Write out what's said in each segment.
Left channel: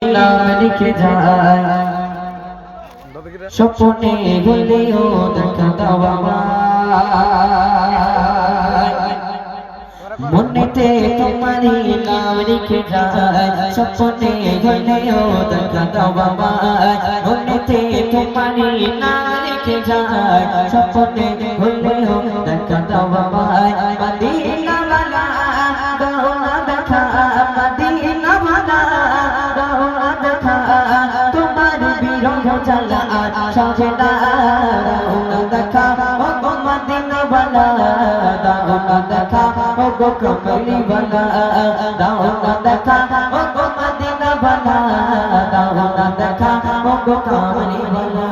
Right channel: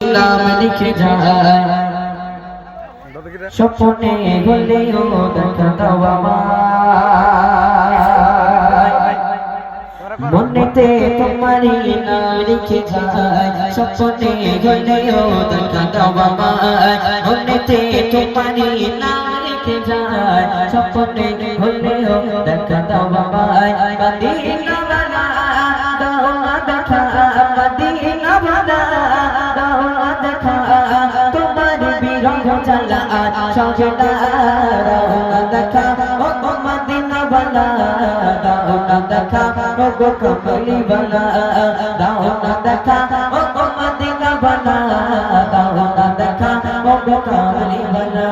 নাম লিখে যায় স্বপ্নে হলেও দেখা দাও আমায় মনেতে তোমারই নাম লিখে যায় স্বপ্নে হলেও দেখা দাও আমায় মনেতে তোমারই নাম লিখে যায় স্বপ্নে হলেও দেখা দাও আমায় মদিনা वाला দাও না দেখা মদিনা वाला দাও না দেখা তোমার বিরহ জ্বালা সহে না দাও না দেখা ও মদিনা वाला দাও না দেখা ও গো কমলি वाला দাও না দেখা ও মদিনা वाला দাও না দেখা ও গো কমলি वाला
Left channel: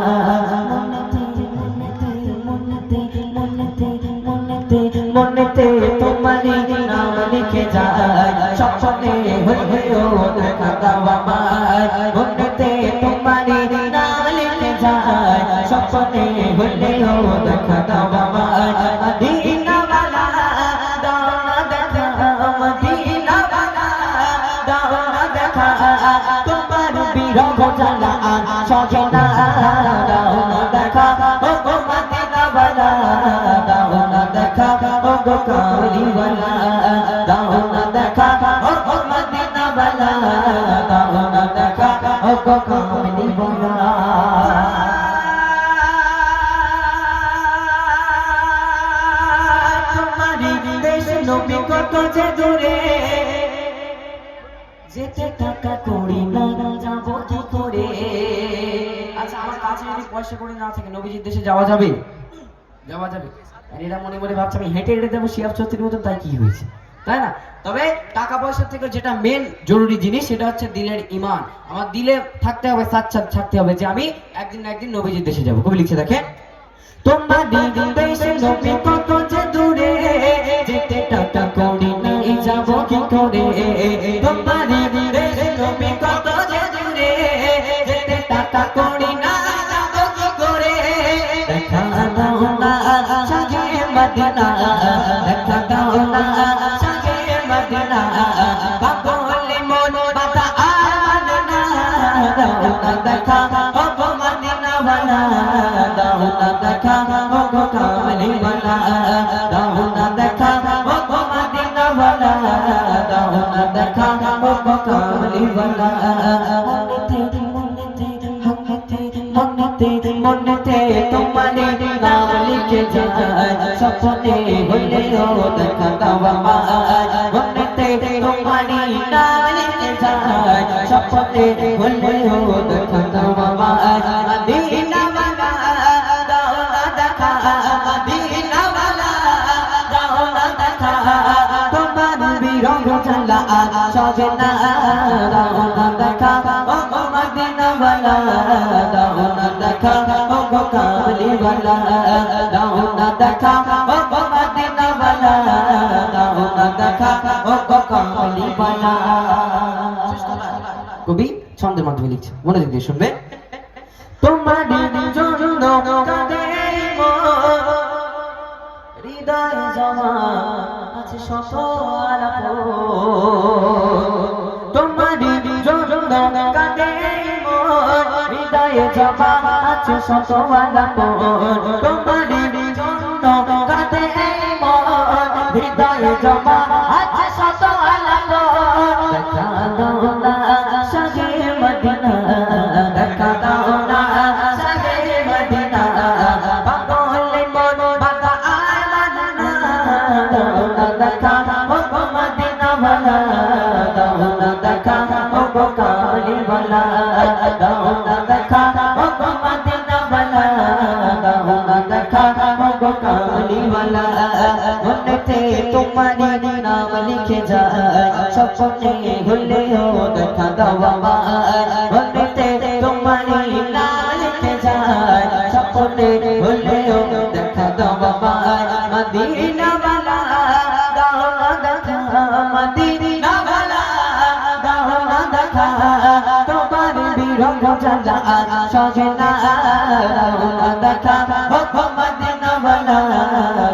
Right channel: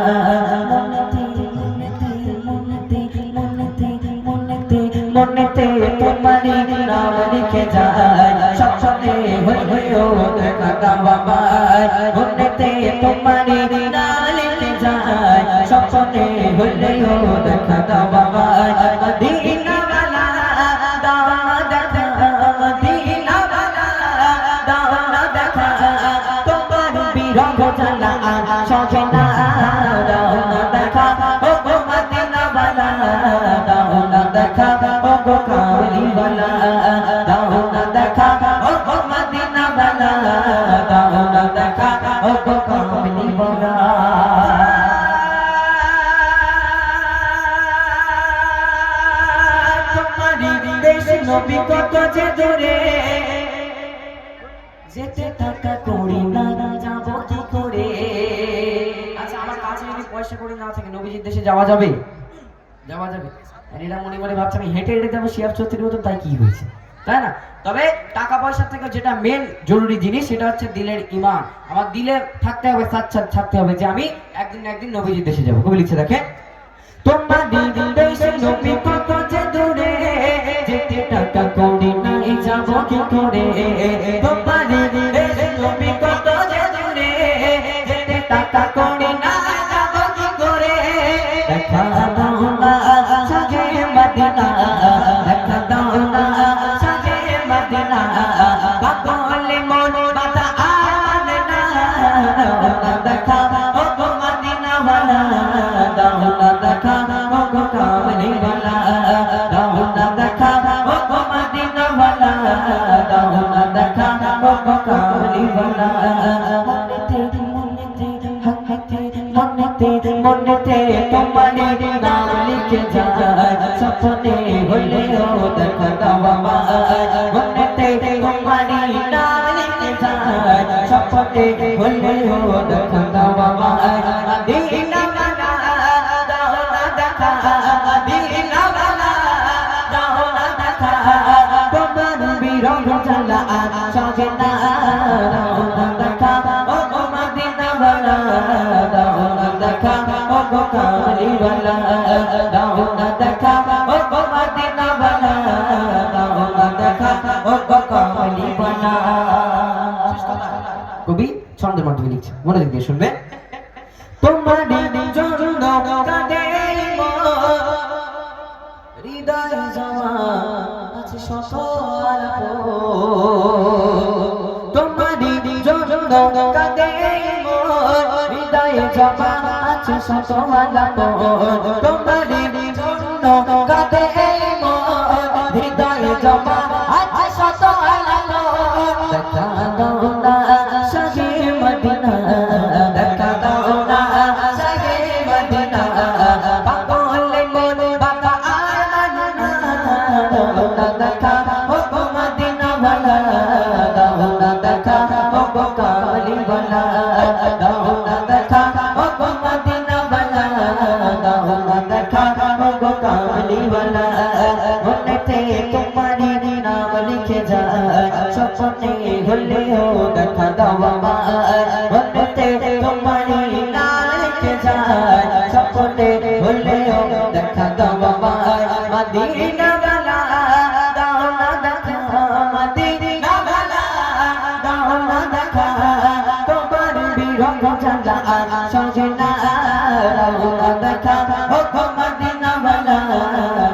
মনেতে তোমারই নাম লিখে যায় স্বপ্নে হলেও দেখা দাও আমায় মনেতে তোমারই নাম লিখে যায় স্বপ্নে হলেও দেখা দাও আমায় মদিনা वाला দাও না দেখা মদিনা वाला দাও না দেখা তোমার বিরহ জ্বালা সহে না দাও না দেখা ও মদিনা वाला দাও না দেখা ও গো কামলি वाला দাও না দেখা ও মদিনা वाला দাও না দেখা ও গো কামলি वाला তোমারি দেশ নবী কত যে দূরে যেতে টাকা করি না যাব কি করে আচ্ছা আমার কাছে যদি পয়সা করি না থাকে নবীজির দেশে যাওয়া যাবে যাওয়া যাবে আর এরা মনে মনে ভাবছে আমি হেঁটে হেঁটে যাবো শিয়াব ছত্রির মতন তাই কি হয়েছে তাই না তবে টাকা পয়সা থেকে যেটা মেন জরুরি জিনিস সেটা হচ্ছে দিলের ঈমান আমার দিলে থাকতে হবে সাচ্চাত থাকতে হবে যে আমি একদিন না একদিন নবীজির দেশে যাব কবি লিখছে দেখে তোমার দিল দেশে নবী কত যে দূরে যেতে টাকা করি না যাব কি করে তোমার দিল দেশে নবী কত যে দূরে যেতে টাকা করি না যাব কি করে দেখা দাও না সাজে মদিনা দেখা দাও না সাজে মদিনা বাবলে মন বাতা আমান না দাও না দেখা ও গো মদিনা वाला দাও না দেখা ও গো কামলি वाला দাও না দেখা ও গো মদিনা वाला দাও না দেখা ও গো কামলি वाला মনেতে তোমারই নাম লিখে যায় স্বপ্নে হলেও দেখা দাও আমায় মনেতে তোমারই নাম লিখে যায় স্বপ্নে হলেও দেখা দাও আমায় মদিনা वाला দাও না দেখা মদিনা वाला দাও না দেখা তোমার বিরহ জ্বালা সহে না দাও না দেখা ও মদিনা वाला দাও না দেখা ও গো কামলি वाला দাও না দেখা ও মদিনা वाला দাও না দেখা ও গো কামলি वाला কবি ছন্দের মাধ্যমে লিখছে মনোযোগ দিয়ে শুনবে তোমার জন্য কাঁদে হৃদয় জমা আছে শত আলাপ তোমার জন্য কাঁদে হৃদয় জমা আছে শত আলাপ তোমার জন্য কাঁদে হৃদয় জমা আছে শত আলাপ দেখা দাও না সাজে মদিনা দেখা দাও না সাজে মদিনা বাবলে মন বাবা আমান না দাও না দেখা ও গো মদিনা वाला দাও না দেখা ও গো কামলি वाला দাও না দেখা ও গো মদিনা वाला দাও না দেখা ও গো কামলি वाला মনেতে তোমারই নাম লিখে যায় স্বপ্নে হলেও দেখা দাও আমায় মনেতে তোমারই নাম লিখে যায় স্বপ্নে হলেও দেখা দাও আমায় মদিনা वाला দাও না দেখা মদিনা वाला দাও না দেখা তোমার বিরহ জ্বালা সহে না দাও না দেখা ও মদিনা वाला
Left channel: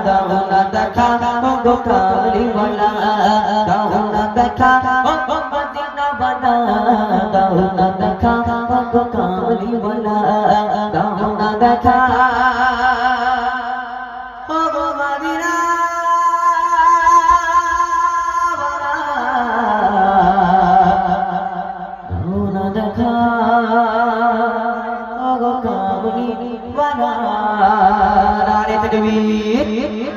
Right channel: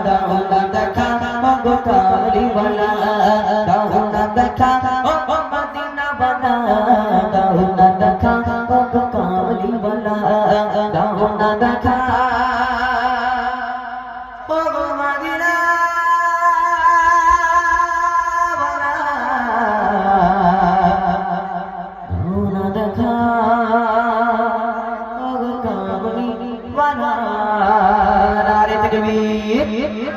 দাও না দেখা ও গো কামলি वाला দাও না দেখা ও মদিনা वाला দাও না মগনি বানা নারে তাকবীর